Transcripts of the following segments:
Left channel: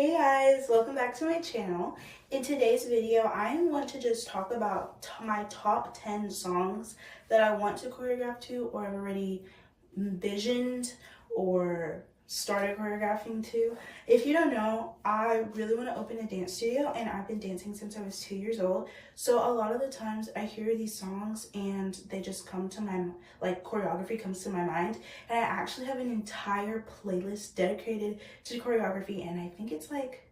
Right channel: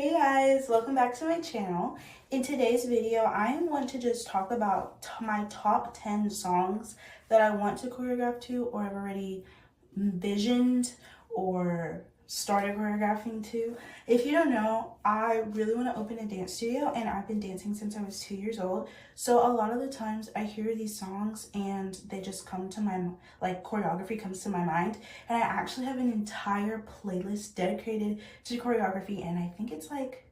Hey guys, welcome back to my channel. In today's video, I want to just talk about my top 10 songs that I want to choreograph to or have already envisioned or started choreographing to. If you don't know, I really want to open a dance studio and I've been dancing since I was 2 years old. So a lot of the times I hear these songs and they just come to my, choreography comes to my mind. And I actually have an entire playlist dedicated to choreography and I think it's like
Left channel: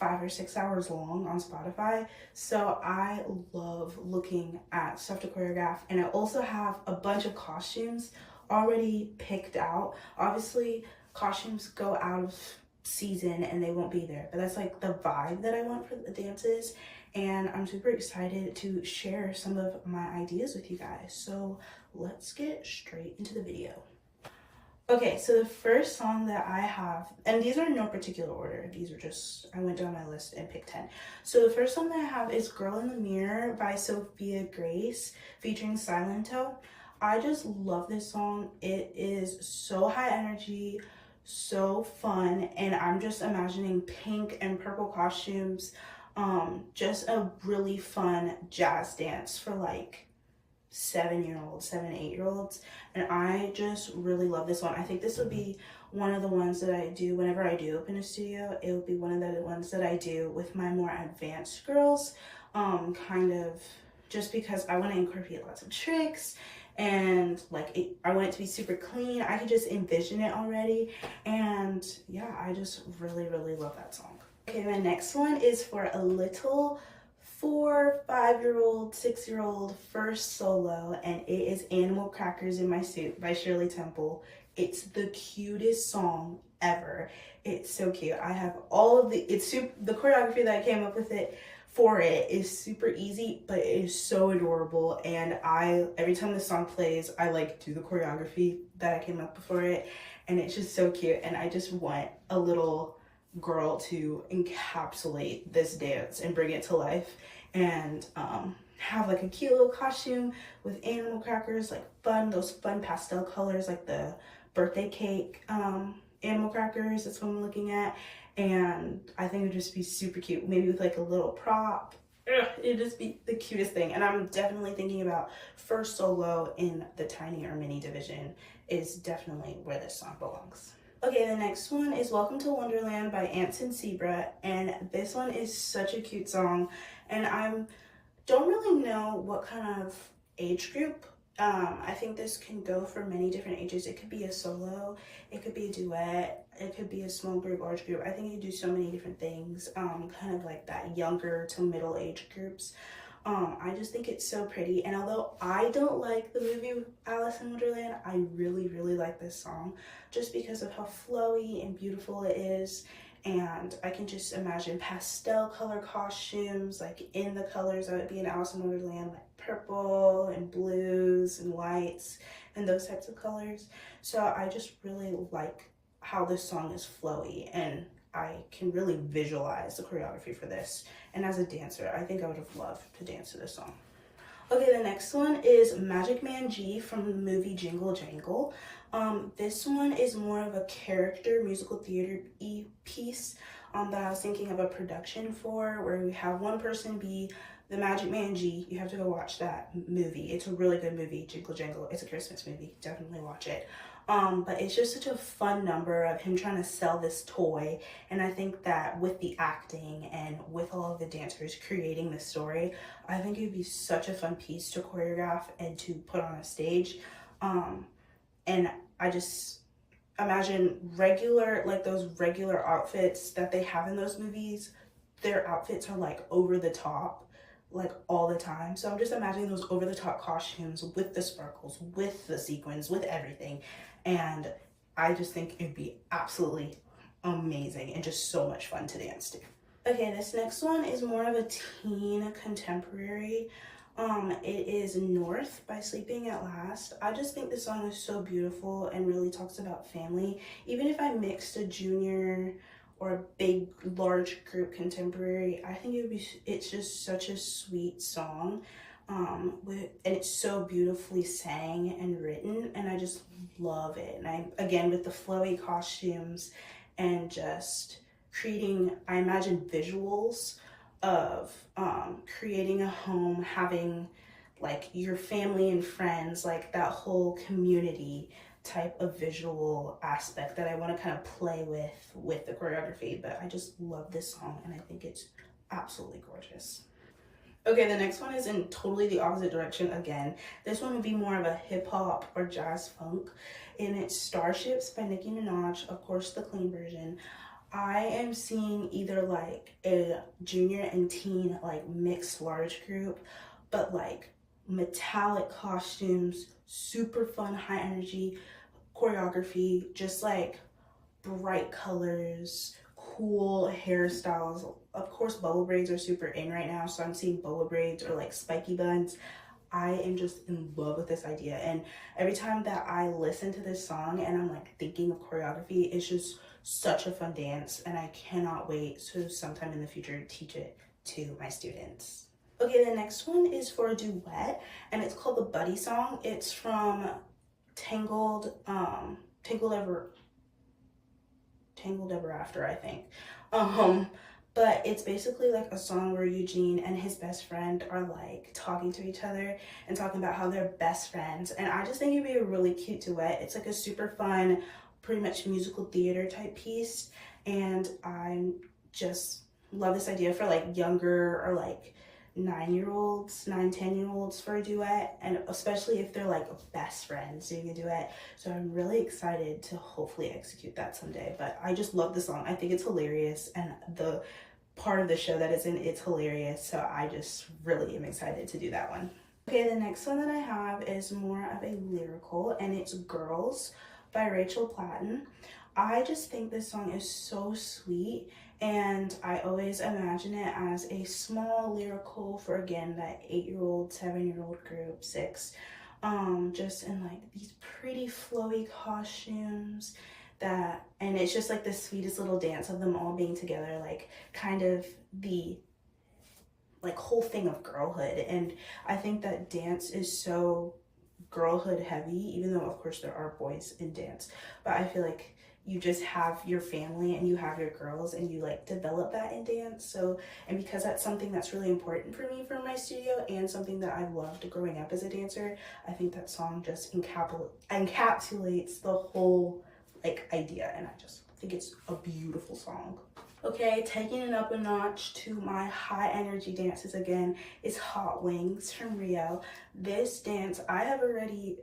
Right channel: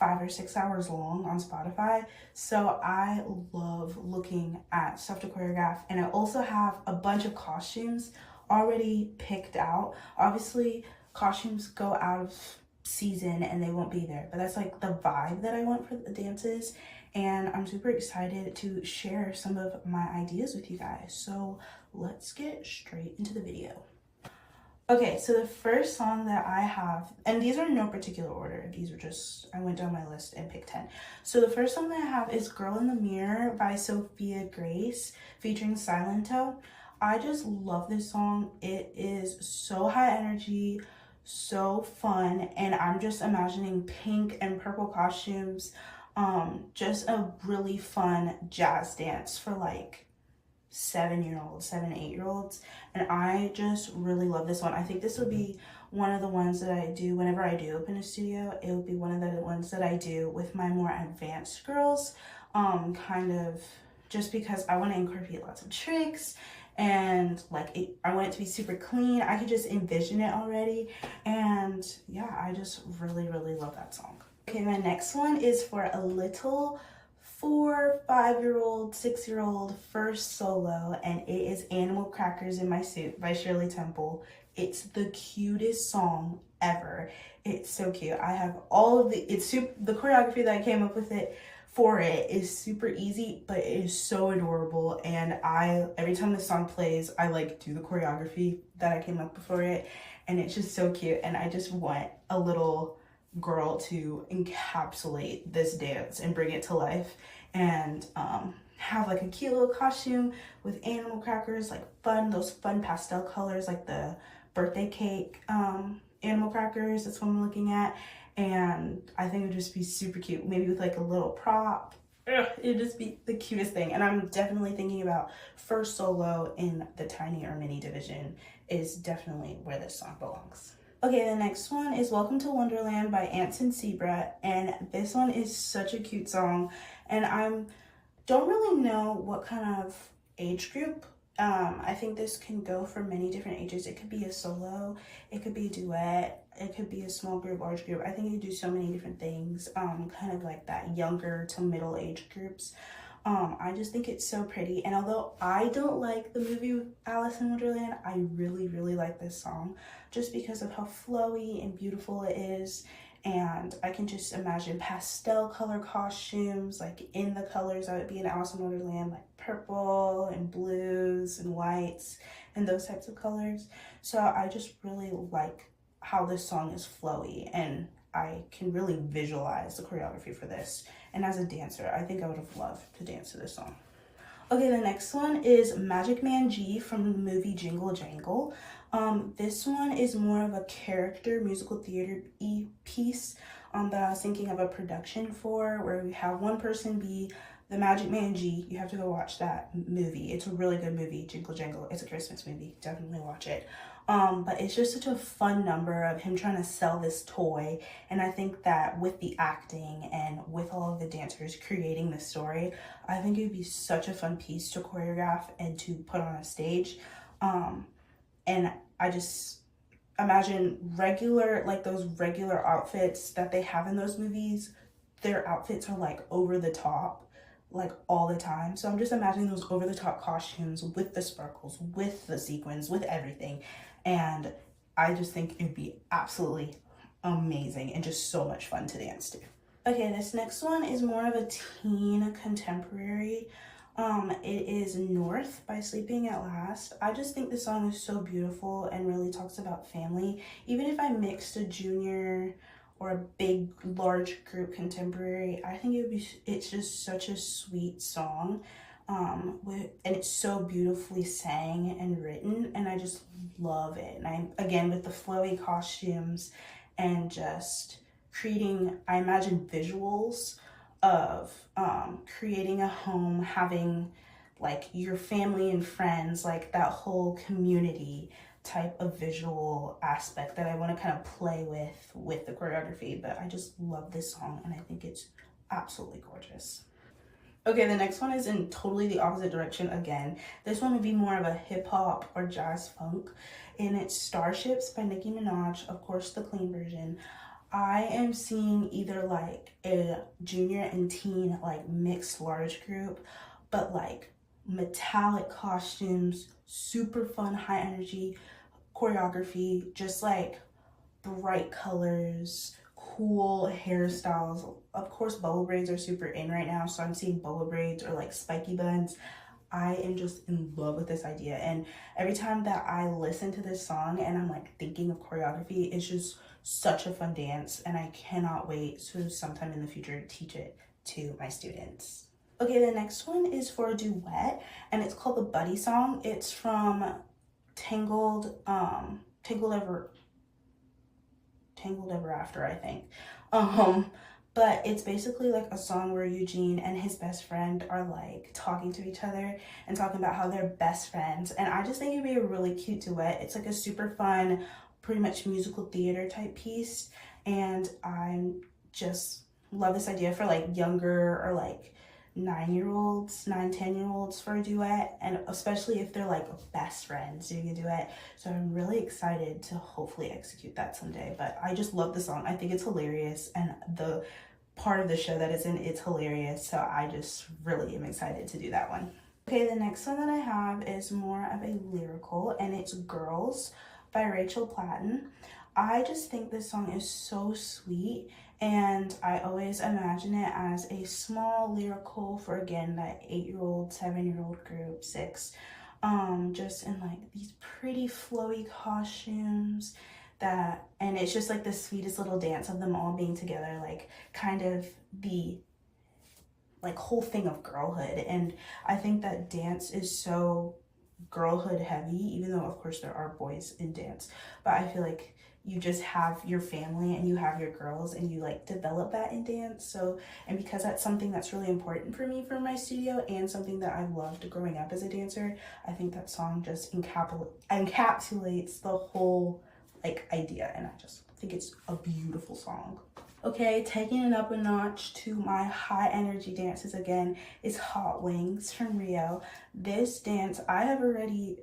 5 or 6 hours long on Spotify. So I love looking at stuff to choreograph, and I also have a bunch of costumes already picked out. Obviously, costumes go out of season and they won't be there, but that's like the vibe that I want for the dances, and I'm super excited to share some of my ideas with you guys. So let's get straight into the video. Okay, so the first song that I have, and these are in no particular order, these are just, I went down my list and picked 10. So the first song that I have is Girl in the Mirror by Sophia Grace featuring Silento. I just love this song. It is so high energy, so fun, and I'm just imagining pink and purple costumes, just a really fun jazz dance for like 7-year-olds, 8-year-olds, and I just really love this one. I think this would be one of the ones that I do whenever I do open a studio. It would be one of the ones that I do with my more advanced girls, kind of just because I want to incorporate lots of tricks and I want it to be super clean. I could just envision it already, and yeah, I just really love that song. Okay, my next one is for a little 4, 5-year-old, 6-year-old first solo, and it is Animal Crackers in My Suit by Shirley Temple. It's the cutest song ever. It's so cute. I have all of the choreography that I came up with for it is super easy, but it is so adorable, and every time this song plays, I do the choreography that I came up for it, and it's just so cute, and I just want a little girl to encapsulate this dance and bring it to life, and have a cute little costume with animal crackers, those fun pastel colors, like the birthday cake animal crackers. That's what I'm looking at, and I think it would just be super cute, maybe with a little prop. It'd just be the cutest thing. And I'm definitely thinking about first solo in the tiny or mini division is definitely where this song belongs. Okay, the next one is Welcome to Wonderland by Ants and Zebra, and this one is such a cute song, and I don't really know what kind of age group. I think this can go for many different ages. It could be a solo, it could be a duet, it could be a small group, large group. I think you do so many different things, kind of like that younger to middle age groups. I just think it's so pretty, and although I don't like the movie Alice in Wonderland, I really like this song just because of how flowy and beautiful it is, and I can just imagine pastel color costumes in the colors that would be in Alice in Wonderland, like purple and blues and whites and those types of colors. So I just really like how this song is flowy, and I can really visualize the choreography for this. And as a dancer, I think I would have loved to dance to this song. Okay, the next one is Magic Man G from the movie Jingle Jangle. This one is more of a character musical theater piece that I was thinking of a production for, where we have one person be the Magic Man G. You have to go watch that movie. It's a really good movie, Jingle Jangle. It's a Christmas movie. Definitely watch it. But it's just such a fun number of him trying to sell this toy, and I think that with the acting and with all of the dancers creating the story, I think it would be such a fun piece to choreograph and to put on a stage. And I just imagine those regular outfits that they have in those movies, their outfits are over the top all the time. So I'm just imagining those over the top costumes with the sparkles, with the sequins, with everything. And I just think it'd be absolutely amazing and just so much fun to dance to. Okay, this next one is more of a teen contemporary. It is North by Sleeping at Last. I just think this song is so beautiful and really talks about family. Even if I mixed a junior or a big, large group contemporary, I think it's just such a sweet song. And it's so beautifully sang and written, and I just love it. And again, with the flowy costumes and just creating, I imagine, visuals of creating a home, having like your family and friends, like that whole community type of visual aspect that I want to kind of play with the choreography. But I just love this song and I think it's absolutely gorgeous. Okay, the next one is in totally the opposite direction again. This one would be more of a hip hop or jazz funk, and it's Starships by Nicki Minaj, of course the clean version. I am seeing either like a junior and teen like mixed large group, but like metallic costumes, super fun, high energy choreography, just like bright colors, cool hairstyles. Of course, bubble braids are super in right now, so I'm seeing bubble braids or like spiky buns. I am just in love with this idea, and every time that I listen to this song and I'm like thinking of choreography, it's just such a fun dance, and I cannot wait to sometime in the future teach it to my students. Okay, the next one is for a duet, and it's called the Buddy Song. It's from Tangled Ever After, I think. But it's basically like a song where Eugene and his best friend are like talking to each other and talking about how they're best friends. And I just think it'd be a really cute duet. It's like a super fun, pretty much musical theater type piece. And I just love this idea for like younger or like 10-year-olds for a duet, and especially if they're like best friends doing a duet. So I'm really excited to hopefully execute that someday. But I just love the song. I think it's hilarious, and the part of the show that it's in, it's hilarious. So I just really am excited to do that one. Okay, the next one that I have is more of a lyrical, and it's Girls by Rachel Platten. I just think this song is so sweet, and I always imagine it as a small lyrical for, again, that 8-year-old, 7-year-old group, 6, just in like these pretty flowy costumes and it's just like the sweetest little dance of them all being together, like kind of the like whole thing of girlhood. And I think that dance is so girlhood heavy, even though of course there are boys in dance, but I feel like you just have your family and you have your girls and you like develop that in dance. So, and because that's something that's really important for me for my studio and something that I loved growing up as a dancer, I think that song just encapsulates the whole like idea, and I just think it's a beautiful song. Okay, taking it up a notch to my high energy dances again is Hot Wings from Rio. This dance, I have already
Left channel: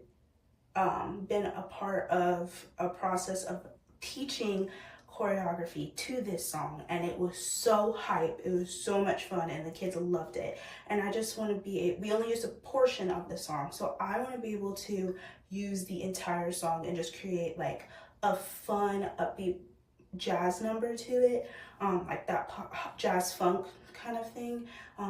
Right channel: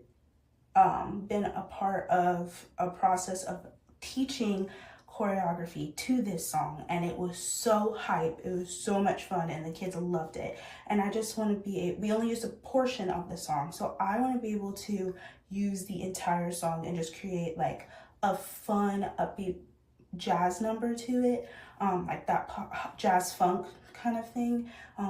been a part of a process of teaching choreography to this song, and it was so hype. It was so much fun, and the kids loved it. And I just want to we only used a portion of the song, so I want to be able to use the entire song and just create like a fun, upbeat jazz number to it, like that pop, jazz funk kind of thing,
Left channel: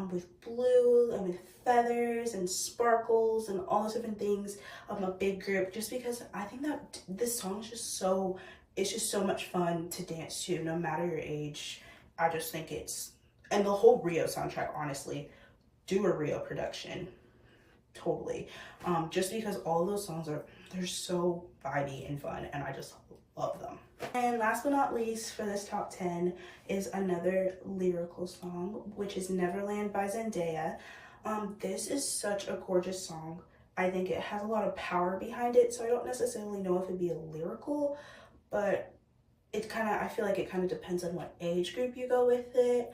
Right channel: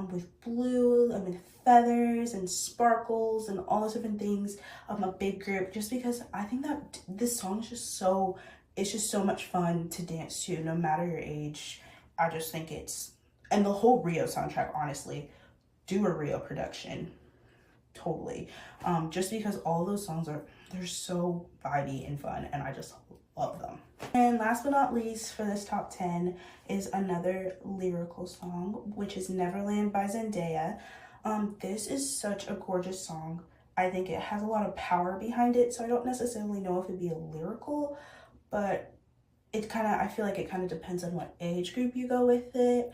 with blue and with feathers and sparkles and all those different things of a big group, just because I think that this song is just so, it's just so much fun to dance to no matter your age. I just think and the whole Rio soundtrack, honestly, do a Rio production, totally, just because all of those songs they're so vibey and fun, and I just love them. And last but not least for this top 10 is another lyrical song, which is Neverland by Zendaya. This is such a gorgeous song. I think it has a lot of power behind it, so I don't necessarily know if it'd be a lyrical, but I feel like it kind of depends on what age group you go with it.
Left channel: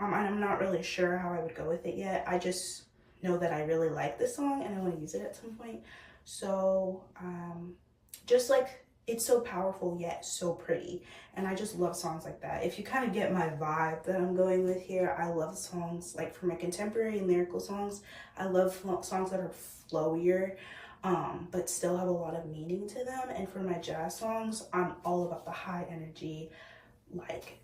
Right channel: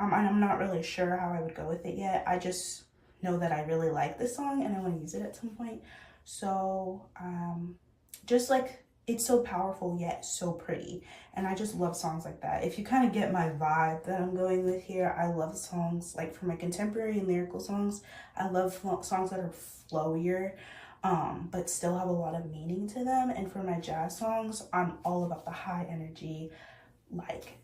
And I'm not really sure how I would go with it yet. I just know that I really like this song and I want to use it at some point. So just like, it's so powerful yet so pretty, and I just love songs like that. If you kind of get my vibe that I'm going with here, I love songs like, for my contemporary and lyrical songs, I love songs that are flowier, but still have a lot of meaning to them. And for my jazz songs, I'm all about the high energy, like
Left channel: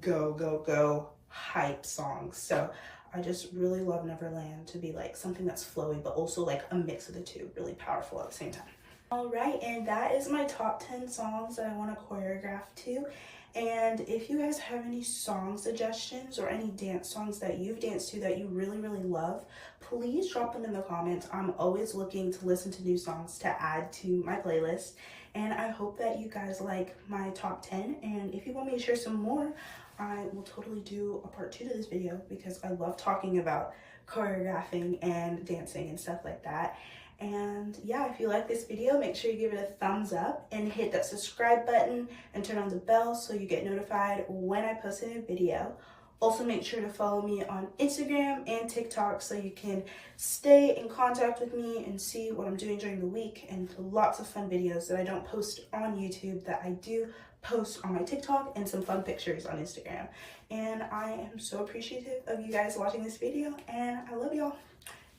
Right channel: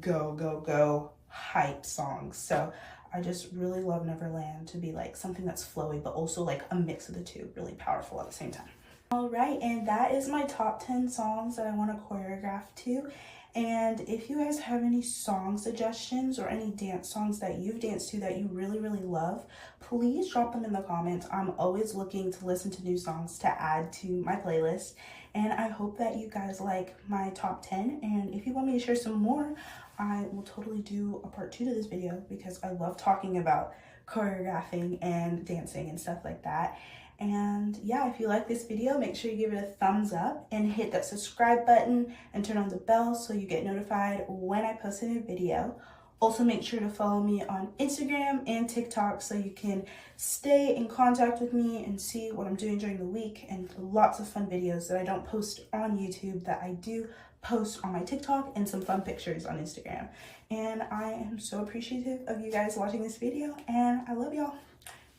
go, go, go hype songs. So I just really love Neverland to be like something that's flowy, but also like a mix of the two, really powerful at the same time. All right, and that is my top 10 songs that I want to choreograph to. And if you guys have any song suggestions or any dance songs that you've danced to that you really, really love, please drop them in the comments. I'm always looking to listen to new songs to add to my playlist. And I hope that you guys like my top 10. And if you want me to share some more, I will totally do a part 2 to this video because I love talking about choreographing and dancing and stuff like that. And yeah, if you like this video, make sure you give it a thumbs up and hit that subscribe button and turn on the bell so you get notified when I post a new video. Also, make sure to follow me on Instagram and TikTok so you can stay in contact with me and see what I'm doing during the week, and lots of fun videos that I don't post on YouTube that I do post on my TikTok, and some fun pictures on Instagram. And I am so appreciative of you guys watching this video, and I love y'all.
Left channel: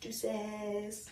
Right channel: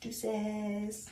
Deuces.